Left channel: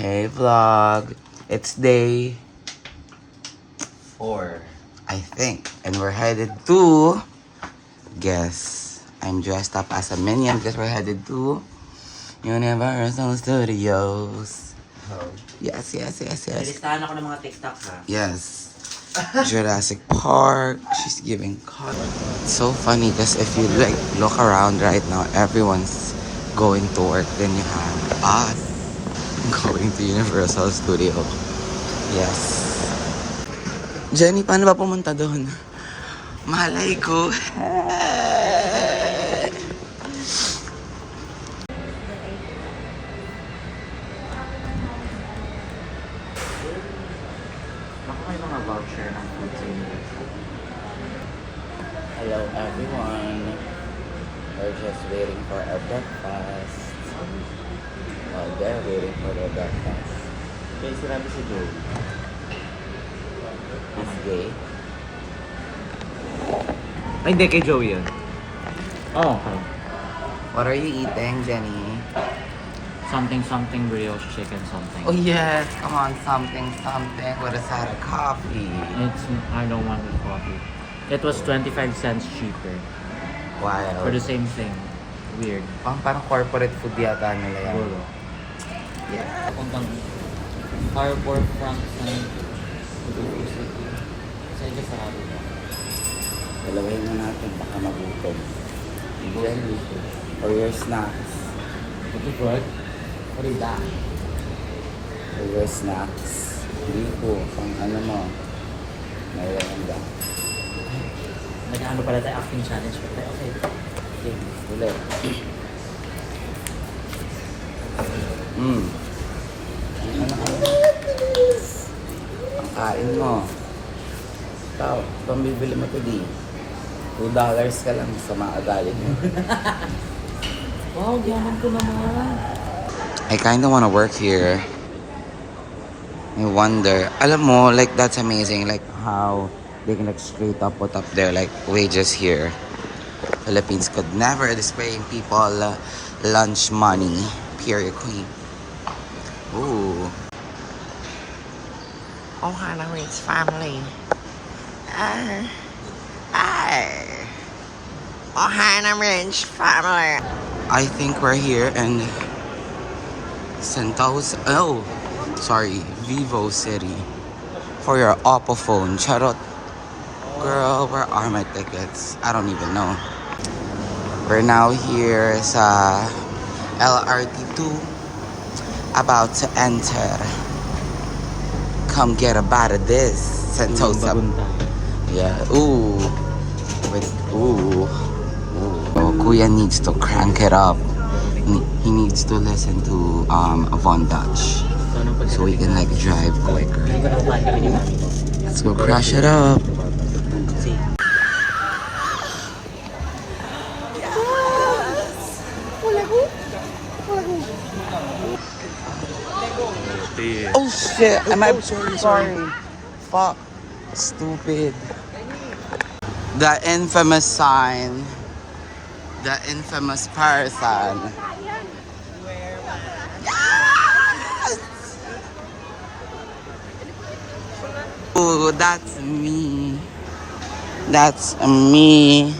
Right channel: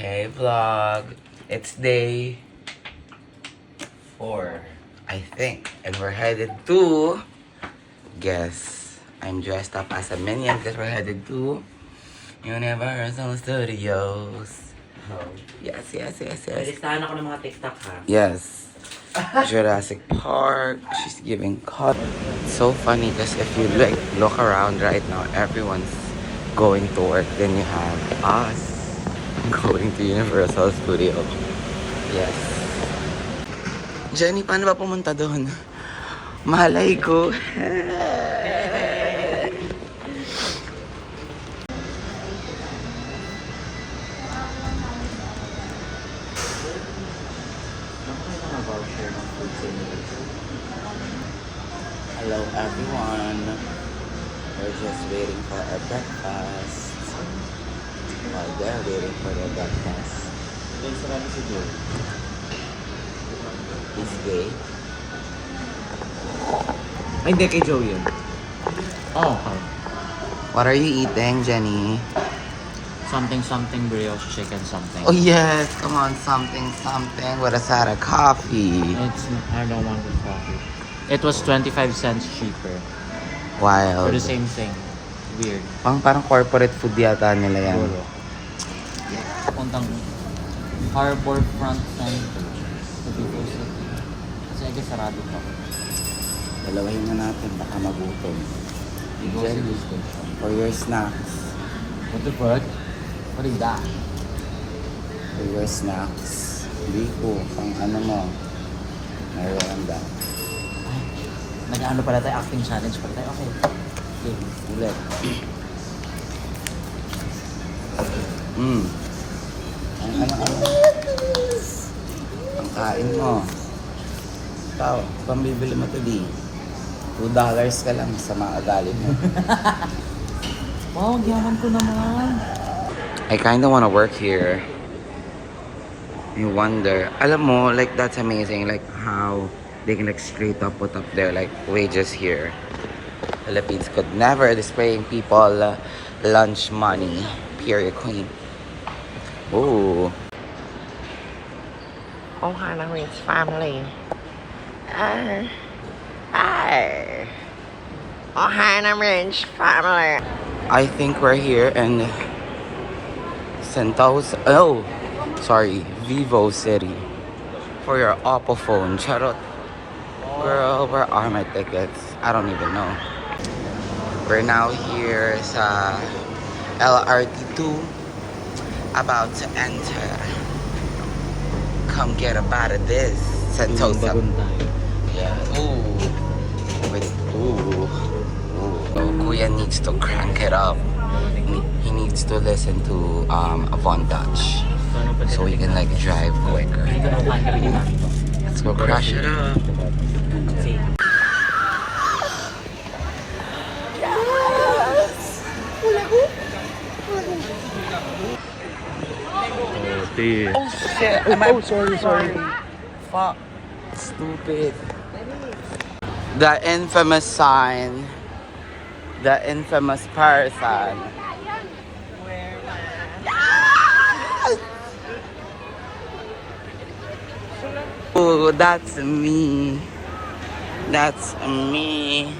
Hey vlog, it's day 4. I think, and we're headed to, guess, I'm dressed up as a minion because we're headed to Universal Studios. Oh. Yes. Listahan ako ng mga TikTok ha. Yes. Jurassic Park. She's giving cut. It's so funny because if you look around right now, everyone's going to work. Then you have us going to Universal Studio. Yes. Jenny, paano ba pumunta doon? Malay ko. Baka may mga voucher ng food sa Universal. Hello everyone. We're just waiting for our breakfast. While they're waiting for their breakfast. Guys, sarabi si Joe. Is gay? Ay, hindi kay Joe yun. Oh, okay. What are you eating, Jenny? Something brioche chicken something. Oh yes, come on, something with a side of coffee. I don't want the coffee. It was 25 cents cheaper Wow. for the same thing. Weird. Parang corporate food yata nila yan. Siguro. Puntang Harbor Front Center sa Bicol City. Kasi agad sarado ko. Dalawahin na natin, baka magutom. Jenny, for your snacks. What the fuck? What is that? For your snacks. Hindi ko, pang ano mo. Merienda. Nag-ano pala tayo, acting challenge pala tayo. Okay. Okay, ulit. Ang ano. Ang kain mo. Ikaw, pambibili mo to di. $2 ka lang sa mga ugali mo. Wow, yaman ko naman. I kinda wanna work here. I wonder. Alam mo, like that's amazing. Like how they can like straight up put up their like wages here. Philippines could never displaying people lunch money. Period queen. Ooh. Oh, Hannah Reed's family. Oh, Hannah Reed's family. I think we're here in Vivo City for your Oppo phone. Charot. Girl, where are my tickets? I don't even know. We're now here sa LRT2, about to enter. Come get a bite of this Sentosa. Yeah. Ooh. Ooh. Oh, Kuya needs to crank it up. He needs to listen to Von Dutch so we can like drive quicker. Let's go crash it up. Oh shit! Sorry. Fuck. Stupid. The infamous sign. The infamous person. Yes! Oh, that's me. That's me.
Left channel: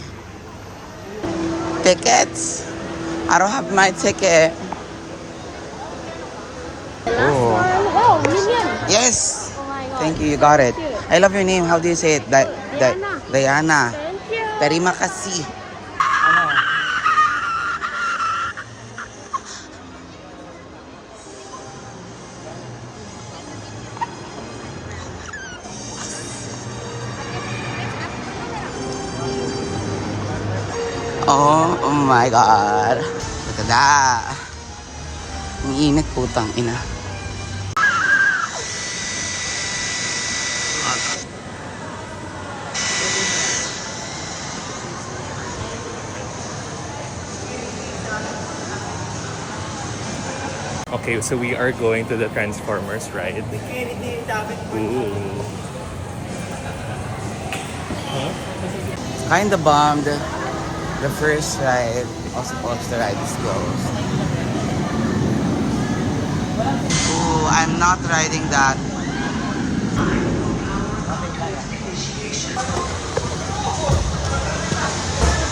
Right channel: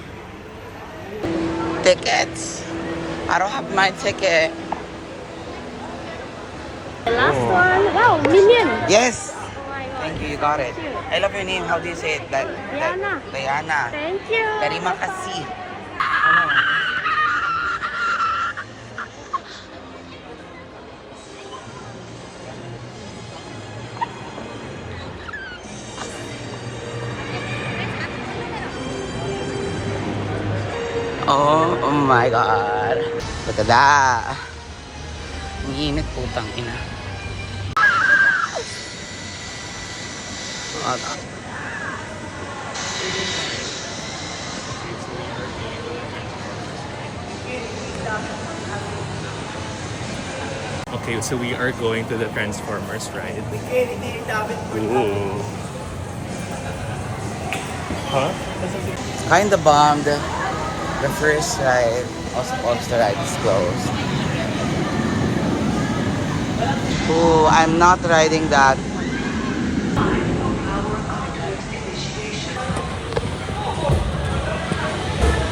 Tickets. I don't have my ticket. Oh. Wow, Minion. Yes. Thank you. You got it. I love your name. How do you say it? Diana. Diana. Thank you. Terima kasih. Oh my God. Look at that. Ang init, putang ina. Okay, so we are going to the Transformers ride. Ooh. Huh? Kinda bummed. The first ride, also supposed to ride is closed. Ooh, I'm not riding that.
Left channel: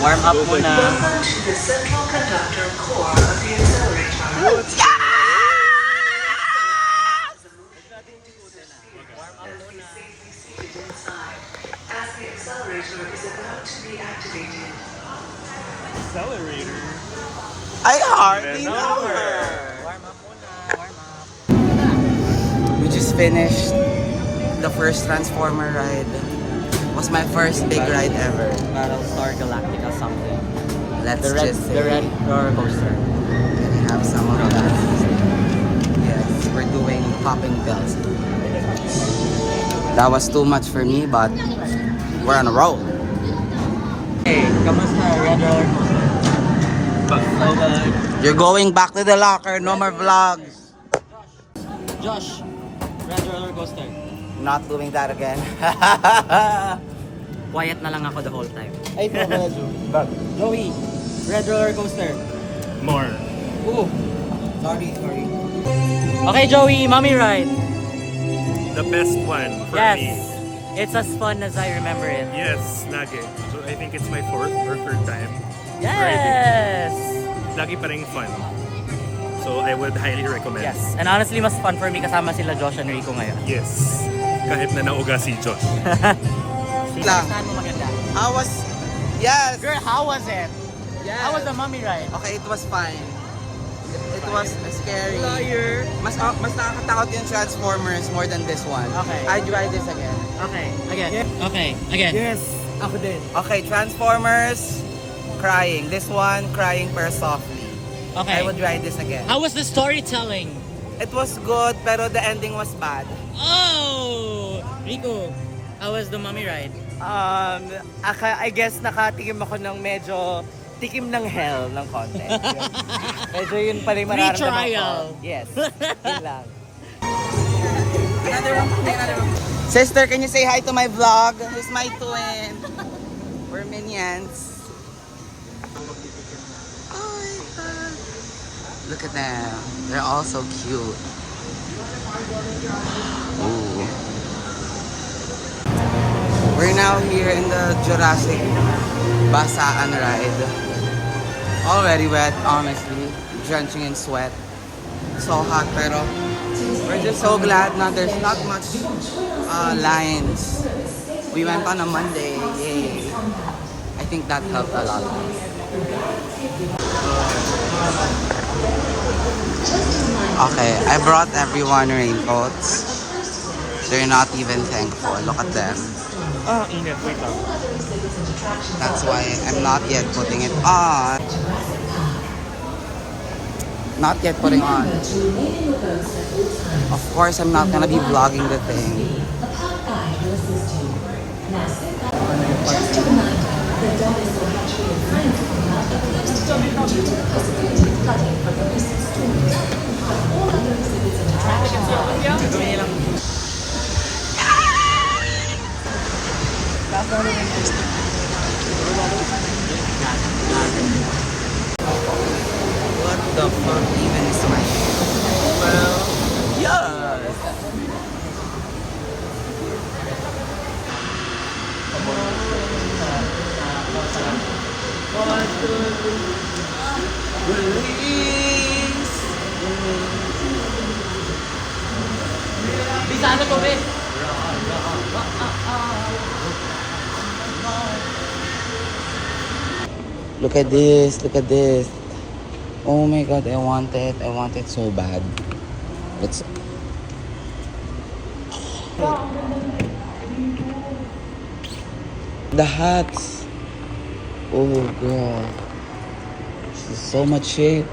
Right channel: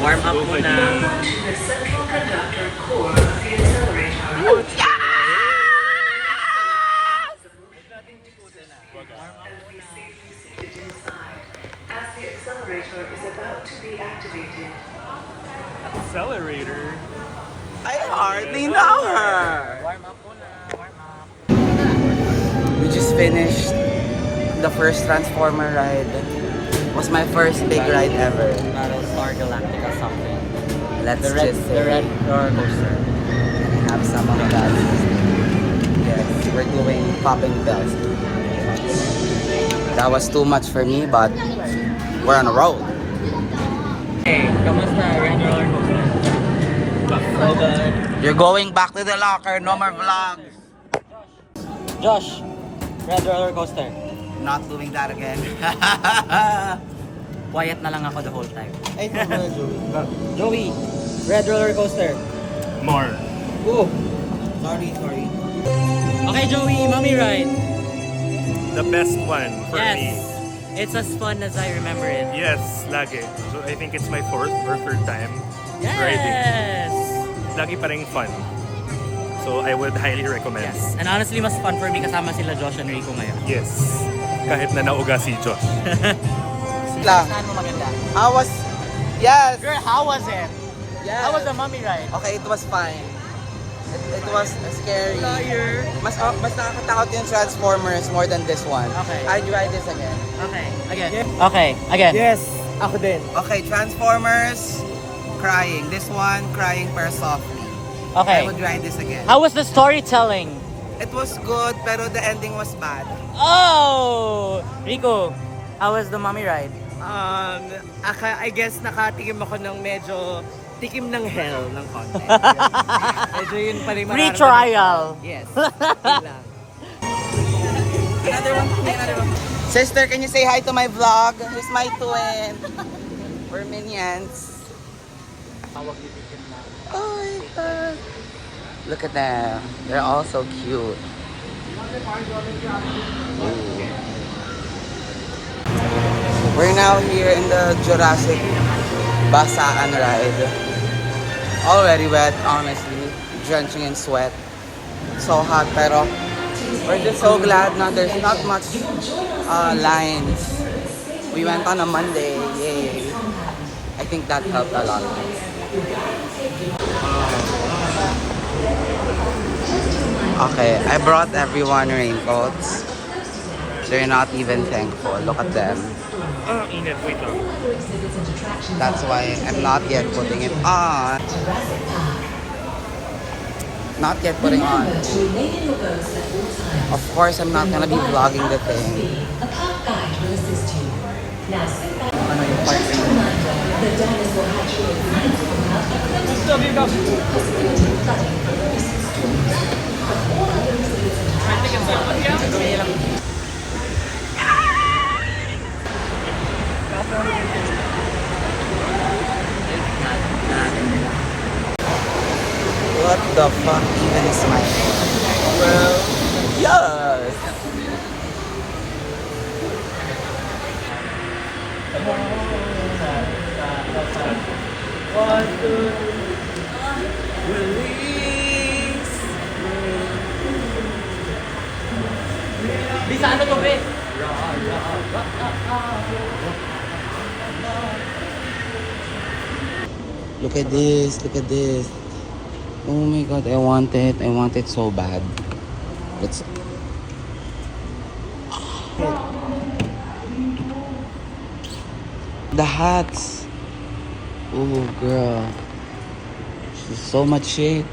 Warm up muna. Accelerator. I hardly know her. We just finished the first Transformer ride. It was my first big ride ever. Battlestar Galactica something. Let's The red just say roller coaster. have some of that. Yes, we're doing popping bells. That was too much for me, but we're on a roll. Hey, kamusta red roller coaster? So good. You're going back to the locker, no more vlogs. Josh, red roller coaster. Not doing that again. Quiet na lang ako the whole time. Ay, Joey, red roller coaster. More. Ooh. Sorry. Okay, Joey, mommy ride. The best one for Yes. me. It's as fun as I remember it. Yes, lagi. So I think it's my 4th or 3rd time Yes. lagi pa rin fun. So I would highly recommend. Yes. And honestly, mas fun for me kasama sila Josh and Rico ngayon. Yes. Kahit na nauga si Josh. Lang. Saan mo maganda? How was... Yes! Girl, how was it? Yes. How was the mommy ride? Okay, it was fine. It was scary. Liar. Mas nakakatakot yung Transformers more than this one. Okay. I'd ride this again. Okay, again. Okay, again. Yes. Ako din. Okay, Transformers, crying. This one, crying per softly. Okay. I would ride this again. How was the storytelling? It was good, pero the ending was bad. Oh! Rico, how was the mommy ride? I guess nakatikim ako ng medyo tikim ng hell ng content. Medyo yun pa rin Free mararamdaman trial. ko. Yes. Yun lang. Another one. Sister, can you say hi to my vlog? Who's my twin? We're minions. Oh my god. Look at them. They're all so cute. Ooh. We're now here in the Jurassic Basaan ride. Already wet, honestly. Drenching in sweat. So hot, pero we're just so glad na there's not much lines. We went on a Monday. Yay. I think that helped a lot. Okay, I brought everyone raincoats. They're not even thankful. Look at them. Oh, init. Wait lang. That's why I'm not yet putting it on. Not yet putting on. Of course, I'm not gonna be vlogging the thing. What the fuck even is my hair? Well, yes. Bisa ano to, be? Look at this, look at this. Oh my god, I want it so bad. It's the hats. Oh girl. This is so much shit.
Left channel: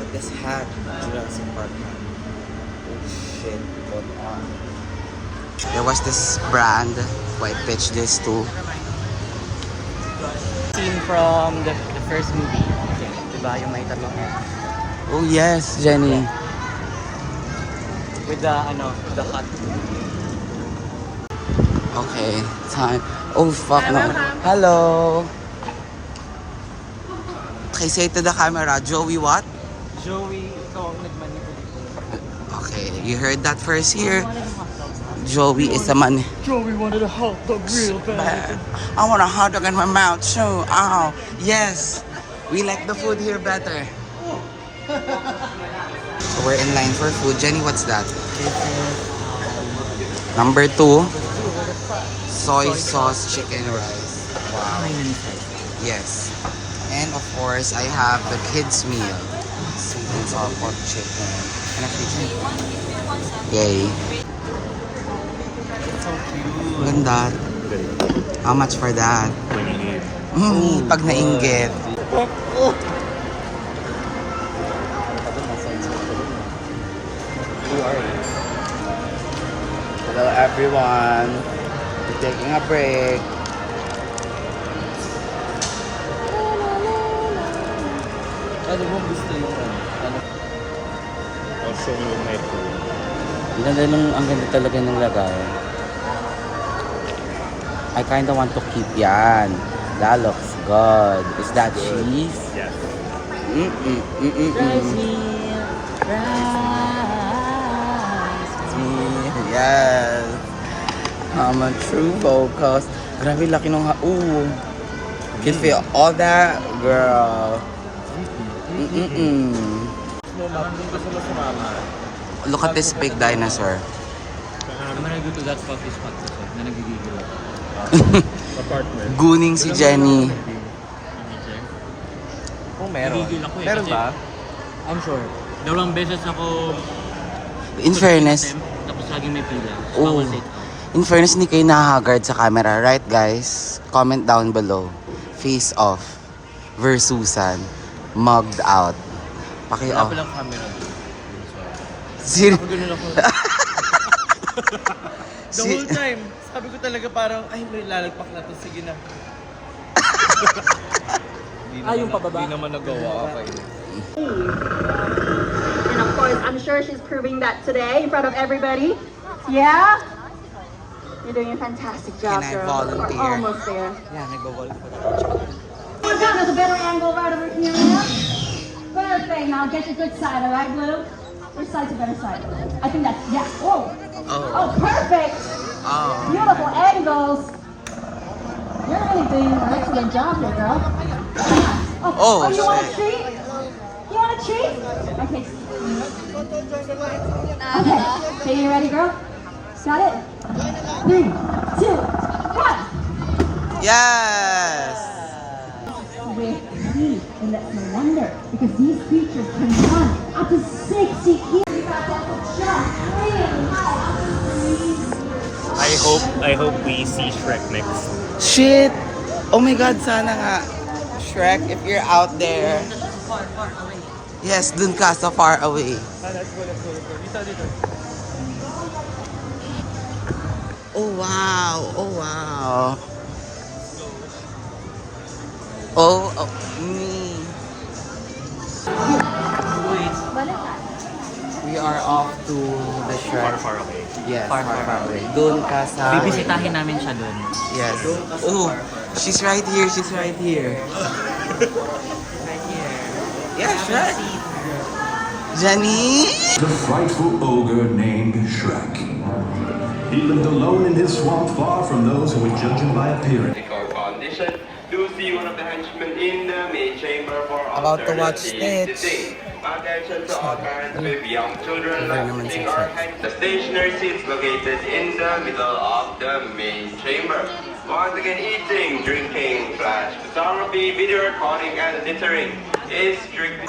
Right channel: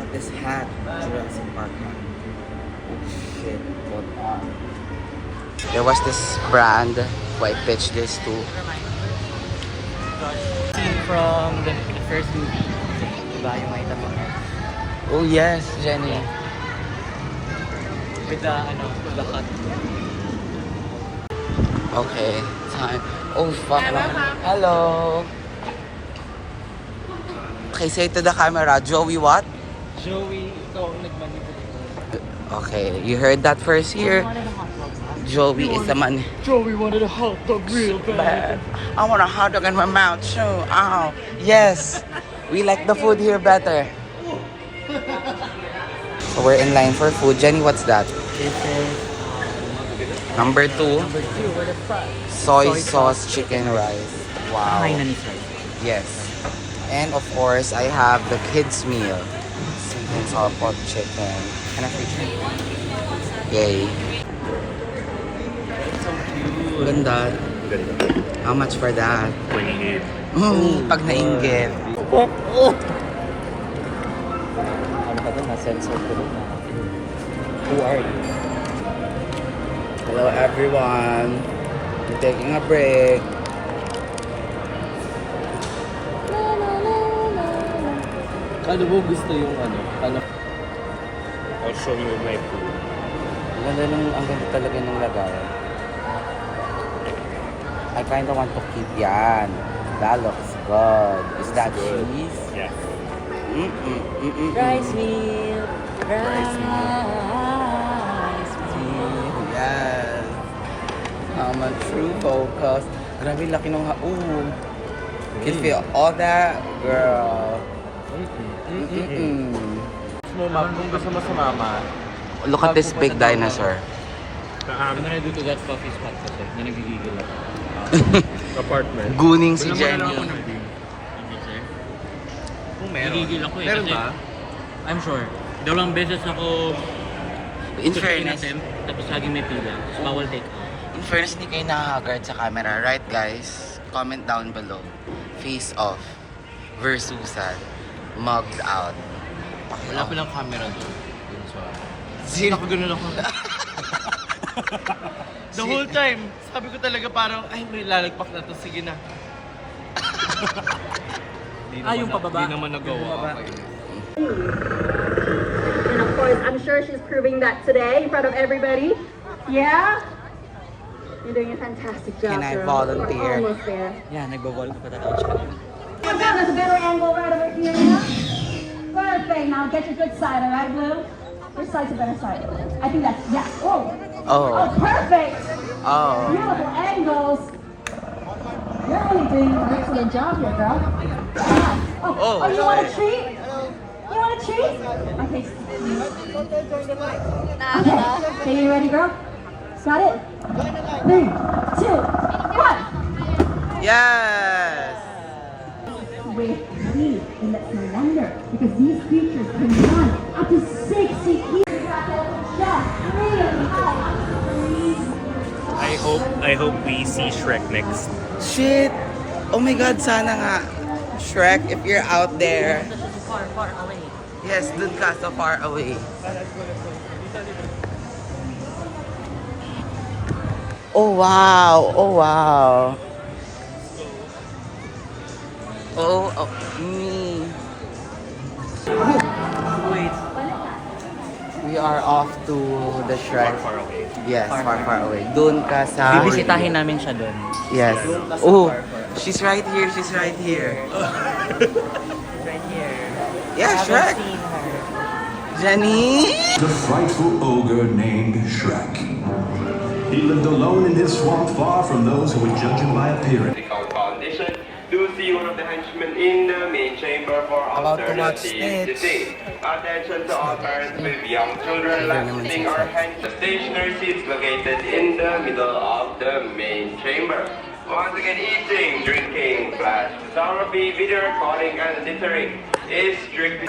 But this hat, Jurassic Park hat. Oh shit, what on? There was this brand who I pitched this to. Never mind. Scene from the first movie. Diba yung may tanong niya? Oh yes, Jenny. With the cut. Okay, time. Oh fuck no. Hello. Okay, say to the camera, Joey what? Joey, ikaw ang nagmanipulate. Okay, you heard that first here. Joey is the man. Joey wanted a hot dog real Bad. I want a hot dog in my mouth too. Oh, yes. We like the food here better. So we're in line for food. Jenny, what's that? This is Number 2, soy sauce chicken rice. Wow. kainan ni sir. Yes. And of course, I have the kids meal. Sweet and sour pork chicken. And a free drink. Yay. Ganda. How much for that? 28. Pag nainggit. Hello everyone. We're taking a break. Ano mo gusto yung ano? I'll show you my food. Ang ganda talaga ng lagay. I kinda want to keep yan. That looks good. Is that cheese? Yes. Rice meal. Rice meal. Yes. I'm a true focus. Grabe, laki nung haul. Can feel all that, girl. Kung gusto mo sumama. Look at this big dinosaur. Ano na do to that coffee spot sa tech na nagigigil ako? Apartment. Guning si Jenny. Oh, meron. Nagigil ako eh. Meron Kasi, ba? I'm sure. Dalawang beses ako In fairness, attempt, tapos laging may pila. Tapos bawal take out. in fairness, hindi kayo nahagard sa camera. Right, guys? Comment down below. Face off. Versusan. Mugged out. Paki Wala off. pa lang camera doon. Sino? Ako ganun ako. The whole time, sabi ko talaga parang, ay, may lalagpak na to. Sige na. Di naman nagawa. Okay. And of course, I'm sure she's proving that today in front of everybody. Yeah? You're doing a fantastic job. Can I girl. volunteer? We're almost there. Yeah, nagbo-wall pa na. Oh, there's a better angle right over here now. Perfect. Now get your good side, all right, Blue? Which side's a better side? I think that's, yeah. Whoa. Oh. Oh, perfect. Oh. Beautiful angles. You're really doing an excellent job here, girl. Yeah. Oh, you want a shit. treat? You want a treat? Okay. Okay. Okay, you ready, girl? Got it? 3, 2, 1. Yes! With heat, and that's no wonder, because these creatures can run up to 60 kilometers. I hope we see Shrek next. Shit! Oh my God, sana nga. Shrek, if you're out there. Yes, dun ka sa far away. Oh wow! Oh wow! Oh, me. We are off to the Shrek. Far away. Yes, far away. Dun ka sa... Bibisitahin namin siya doon. Yes. Oh, she's right here. She's right here. Right here. Yeah, Shrek. Jenny. The frightful ogre named Shrek. He lived alone in his swamp, far from those who would judge him by appearance. Condition. Do see one of the henchmen in the main chamber for About to watch alternative Stitch. seating. Attention to all parents with young children Very naman lasting si or Shrek. hang the stationary seats located in the middle of the main chamber. Once again, eating, drinking, flash photography, video recording, and littering is strictly.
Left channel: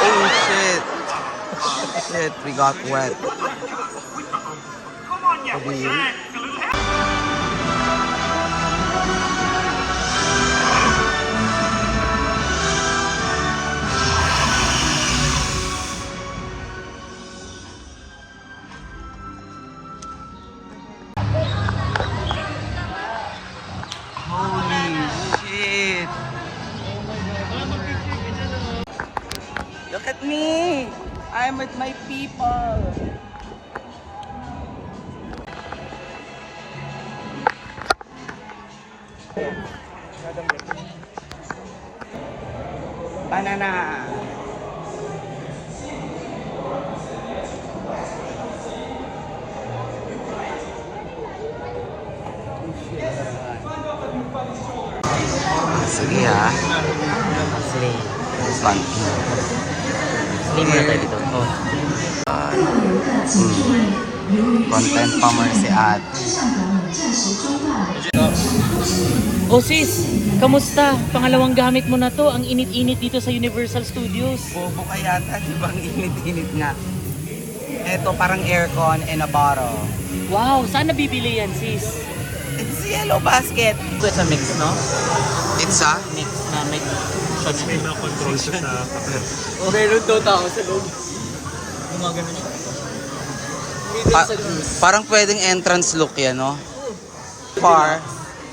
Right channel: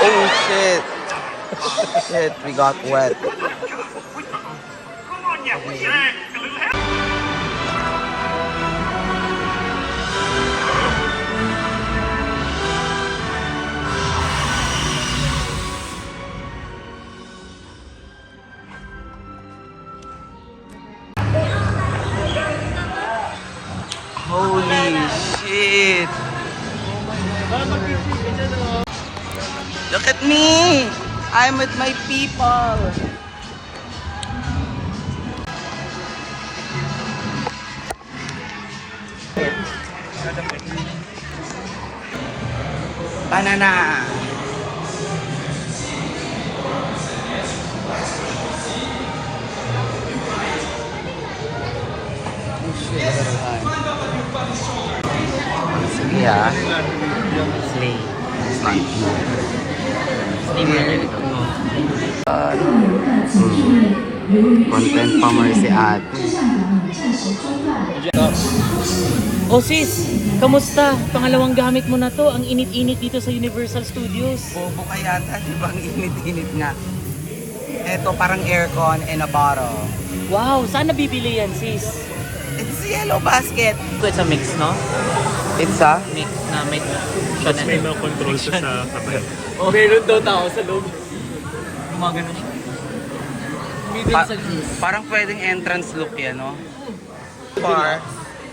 Oh shit. Shit, we got wet. Holy shit! Look at me! I'm with my people! Banana! Sige ah. Slay. Fun. Slay Content farmer si ate. Oh sis, kamusta? Pangalawang gamit mo na to. Ang init-init dito sa Universal Studios. Bobo ka yata, di ba? Ang init-init nga. Ito parang aircon in a bottle. Wow, saan nabibili yan sis? It's yellow basket. It's a mix, no? It's a? Mix na may shot na ito. O, meron daw tao sa loob. Mga ganun eh. Parang pwedeng entrance look yan, no?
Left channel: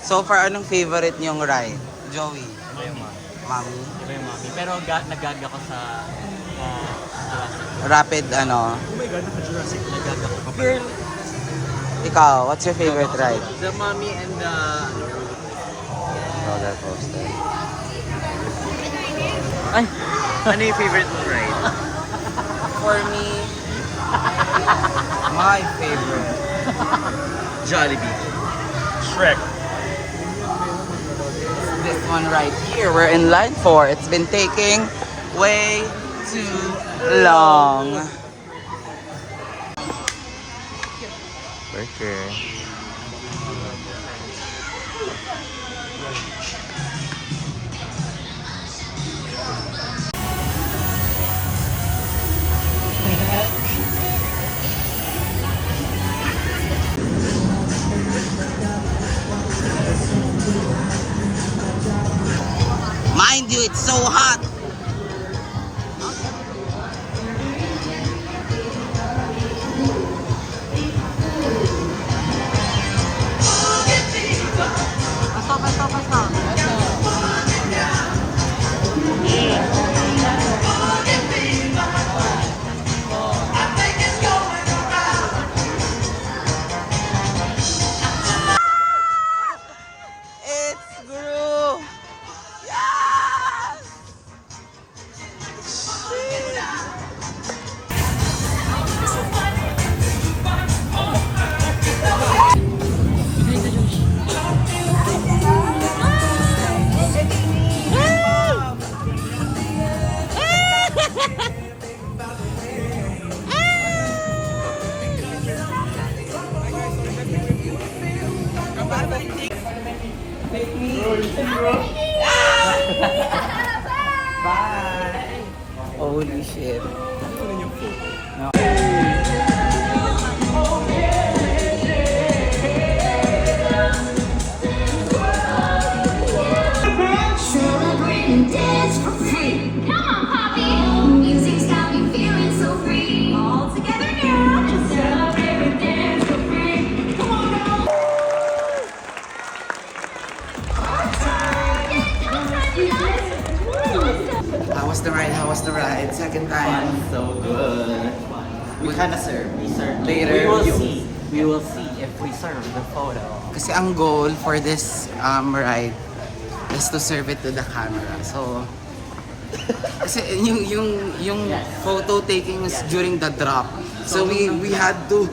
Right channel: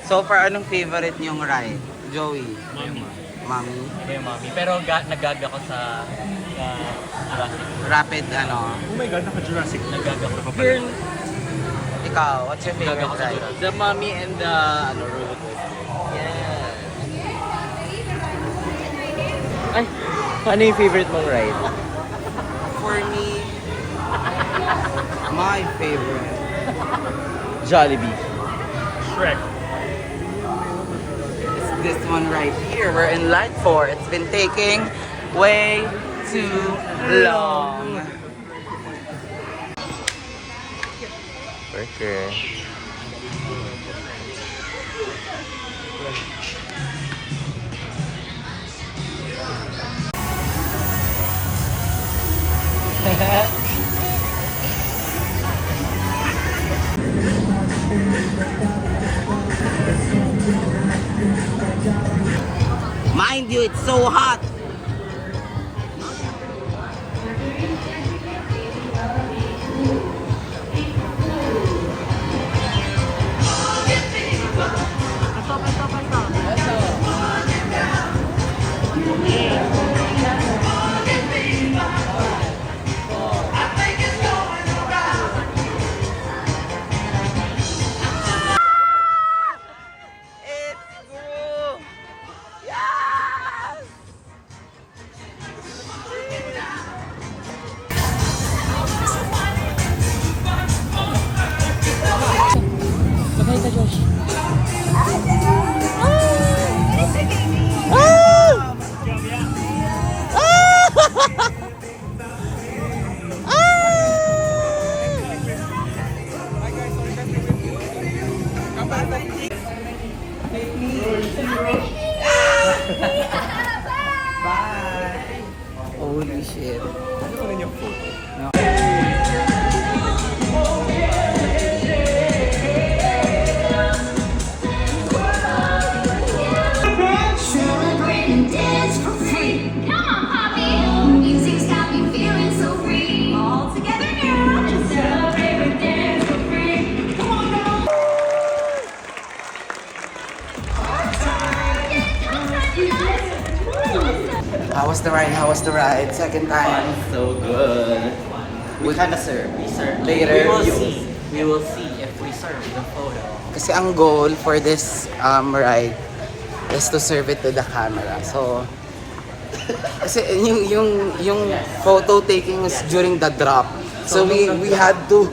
So far, anong favorite niyong ride? Joey? Mami. Mami? Yung mami. Pero nagag ako sa Jurassic. Rapid, ano? Oh my God, naka-Jurassic. Nagag ako. Girl! Ikaw, what's your favorite ride? The mommy and the roller coaster. Ay, Ano yung favorite mong ride? For me, my favorite, Jollibee. Shrek. this one right here. We're in line for. It's been taking way too long. Burger. Mind you, it's so hot. It's Gru. Yes! magay ka Josh. Bye! Holy shit. Celebrate and dance for free. Come on, Poppy. Music's got me feeling so free. All together now. Just celebrate and dance for free. Come on, girl. How was the ride? How was the ride? Second time. So good. We kinda serve. Sir, Later. we will see. We will see if we serve the photo. Kasi ang goal for this ride is to serve it to the camera. So, kasi yung photo taking is during the drop. So we had to.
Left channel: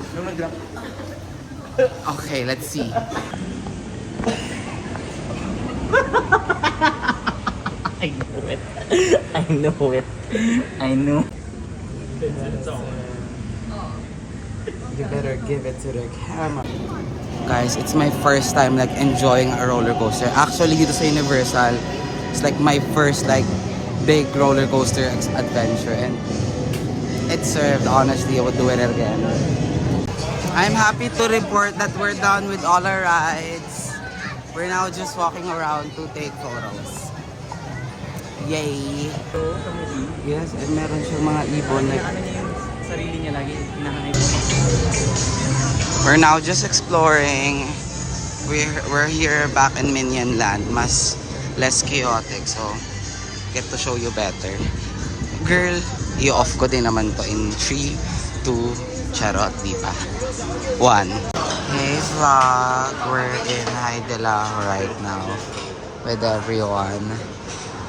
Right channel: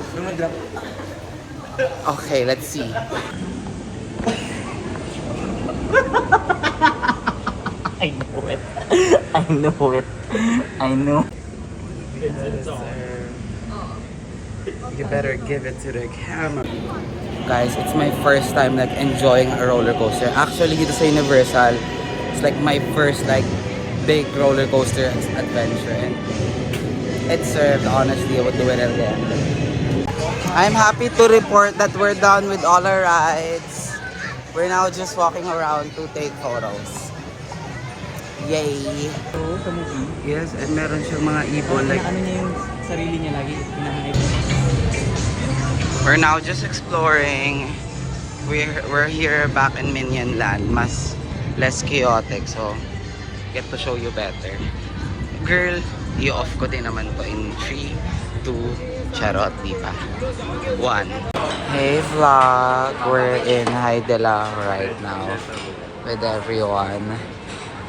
Okay, let's see. I know it. I know it. I know. You better give it to the camera. Guys, it's my first time like enjoying a roller coaster. Actually, dito sa Universal, it's like my first like big roller coaster adventure. And it served, honestly, I would do it again. I'm happy to report that we're done with all our rides. We're now just walking around to take photos. Yay! Yes, and meron siyang mga ibon like Sarili niya lagi. we're now just exploring. We're here back in Minion Land, less chaotic, so get to show you better. Girl, i-off ko din naman to in 3, 2, charot, di pa. 1. Hey vlog, we're in Haidela right now with everyone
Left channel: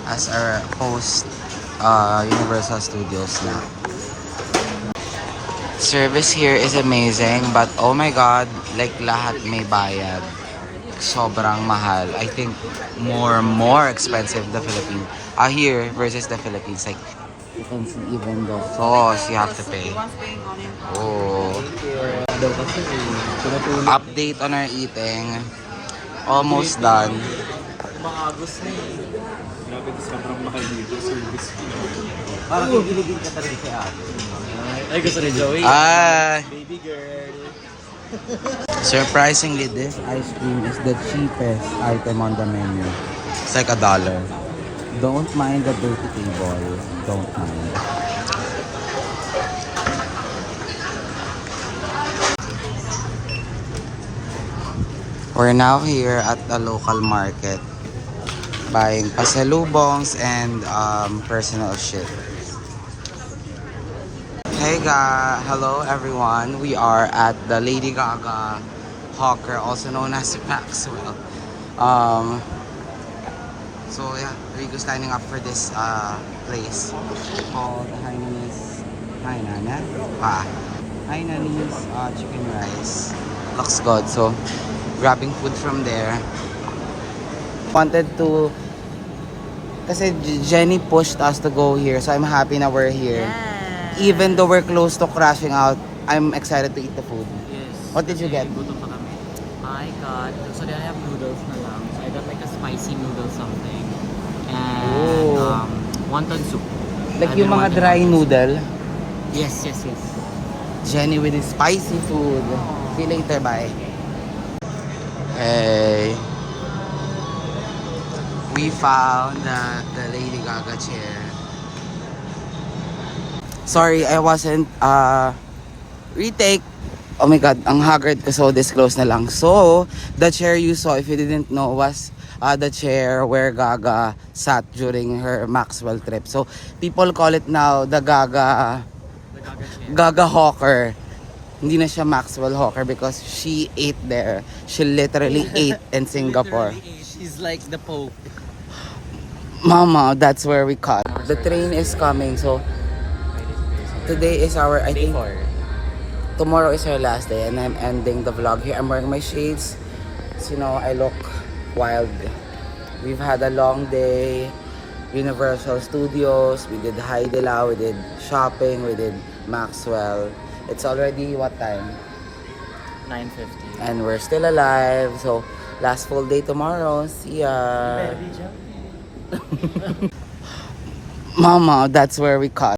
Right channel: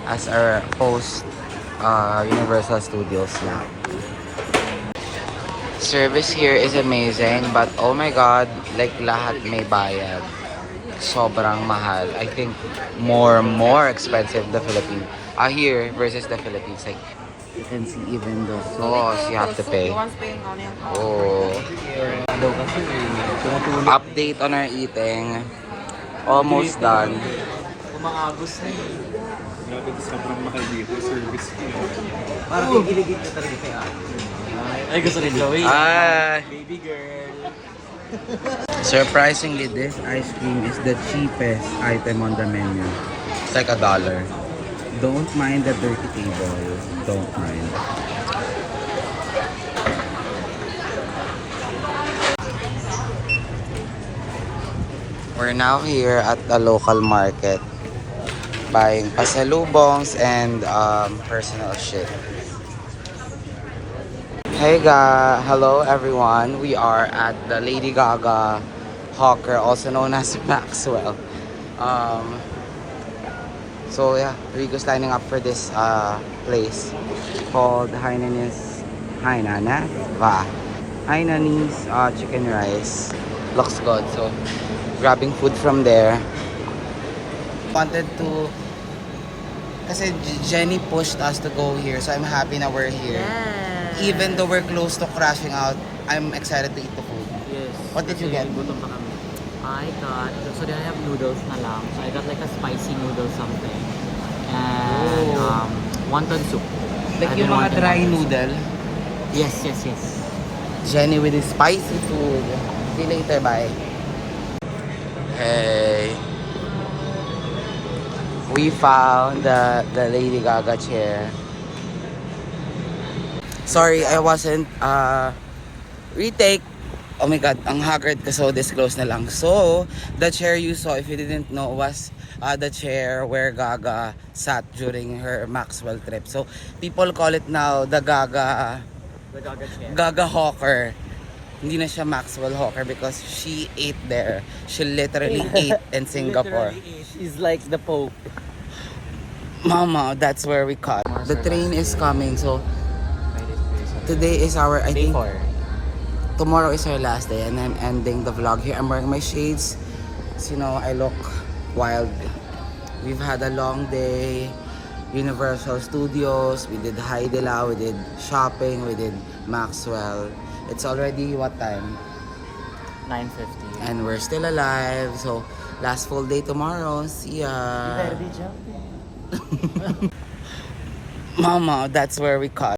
as our host Universal Studios na. Service here is amazing, but oh my god, like lahat may bayad. Sobrang mahal. I think more expensive the Philippines. Here versus the Philippines, like you can see even the sauce you have to pay. Oh. Update on our eating. Almost done. Grabe, sobrang mahal dito. Service fee. Parang kikiligin ka talaga kay ate. Ay, gusto rin gawin. Baby girl. Surprisingly, this ice cream is the cheapest item on the menu. It's like $1. Don't mind the dirty table. Don't mind. We're now here at the local market buying pasalubongs and personal shit. Hey hello everyone. We are at the Lady Gaga Hawker, also known as Maxwell. So yeah, Rico's lining up for this place called Hainanese chicken rice. Looks good. So grabbing food from there. Wanted to, kasi Jenny pushed us to go here, so I'm happy na we're here. Yes. Even though we're close to crashing out, I'm excited to eat the food. Yes. What did you get? Gutom pa kami. I got, so they have noodles na lang. So I got like a spicy noodle something. And wonton soup. Like I've yung been mga wanting dry wonton. noodle. Yes. Jenny with his spicy food. See you later, bye. Hey. We found the Lady Gaga chair. Sorry, I wasn't retake. Oh my god, ang haggard ko, so disclose na lang. So, the chair you saw, if you didn't know, was the chair where Gaga sat during her Maxwell trip. So, people call it now the Gaga Gaga chair. Hawker. Hindi na siya Maxwell Hawker because she ate there. She literally ate in Singapore. She's like the Pope. Mama, that's where we cut. The train is coming, so today is our, I think, tomorrow is our last day, and I'm ending the vlog here. I'm wearing my shades, so you know, I look wild. We've had a long day. Universal Studios, we did Haidila, we did shopping, we did Maxwell. It's already what time? 9:50. And we're still alive, so last full day tomorrow. See ya. Mama, that's where we cut.